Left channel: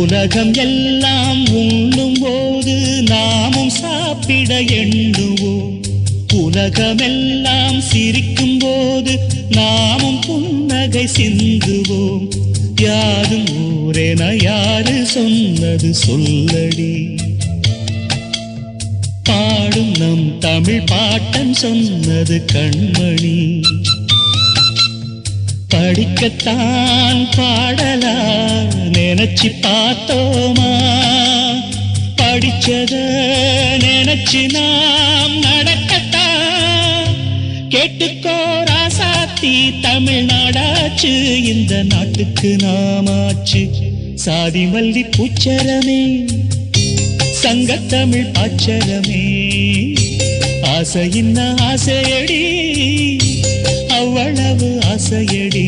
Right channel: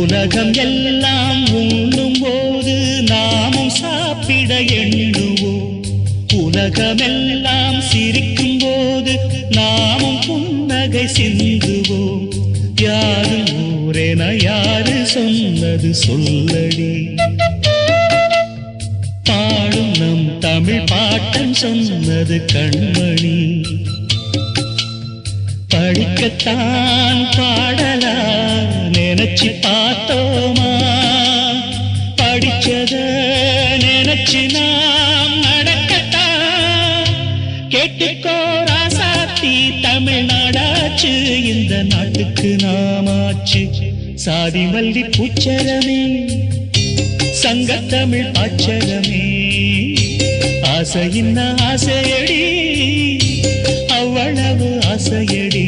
உலகம் எல்லாம் உண்ணும் போது நாமும் சாப்பிட எண்ணுவோம். உலகமெல்லாம் சிரிக்கும் போது நாமும் புன்னகை சிந்துவோம். யாரும் ஊரென யாரு சொன்னது சொல்லடி. பாடும் நம் தமிழ் பாட்டன் சொன்னது கண்மணி. படிக்கத்தான் பாடலா நினைச்சு பார்த்தோமா, படிச்சத நினைச்சு நாம் நடக்கத்தான். கேட்டுக்கோ ராசாத்தி தமிழ்நாடாச்சு, இந்த நாட்டுக்கு நாமாச்சு. சாதி மல்லி பூச்சரமே சங்கத்தமிழ் பாச்சரமே, ஆசையின்ன ஆசையடி அவ்வளவு ஆசையடி.